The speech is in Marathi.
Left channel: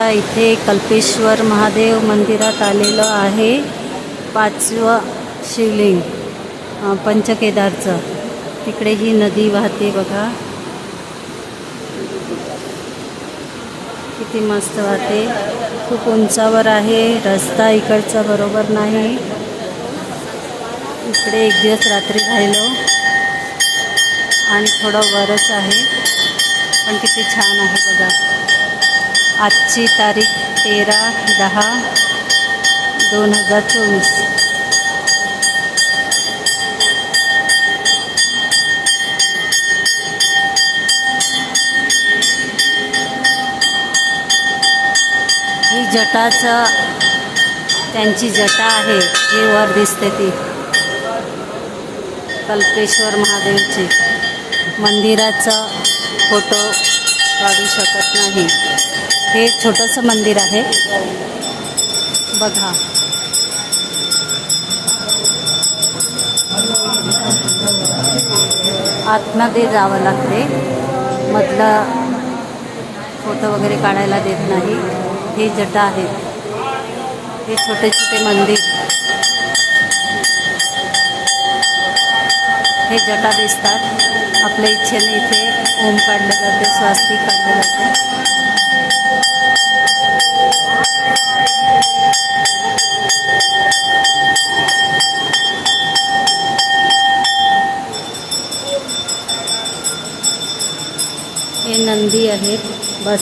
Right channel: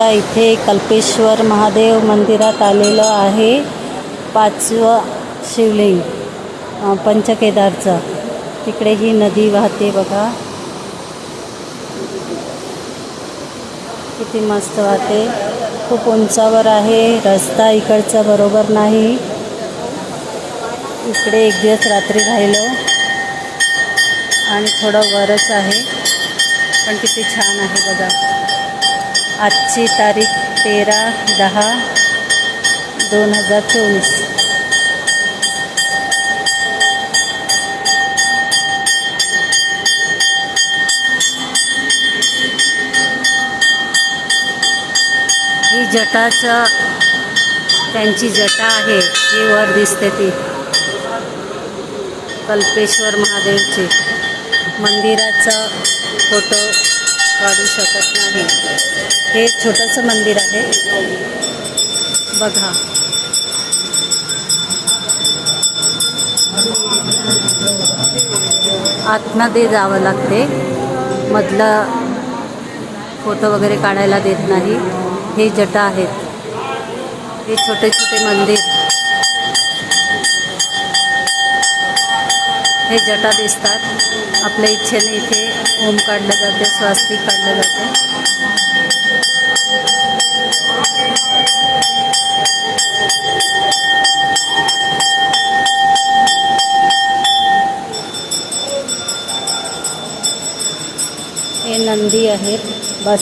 इथे कल्पेश्वर महादेव मंदिरात आलेलो आहे. 5वं शिवलिंग पंचकेदारचं. तिकडे ही नदी वाहते बघा, किती मस्त वाहते. खूप उंचावर आहे. रस्ता इकडचा बरोबर नाही. इकडे एक दिवस रात्री राहिलो आणि थोडं वरच आहे, पण किती छान आहे बघा. आजची तारीख 13/10/2024. ही जटाचं त्यांची जटा आहे, ही वर दिसते ती कल्पेश्वर महादेवची. मंदिराचं फोटो काढू शकत नाही. हे छोटंसं मंदिर आहे बघा. आतमध्ये जावं लागते, मधलं फोटो वगैरे काढायला देत नाही. हे जटा आहेत, हे छोटे छोटे मंदिर. हे जटा दिसतात. आपल्या इच्छेने इथे ओम काढलं जाते, स्वास्तिक काढलं जाते.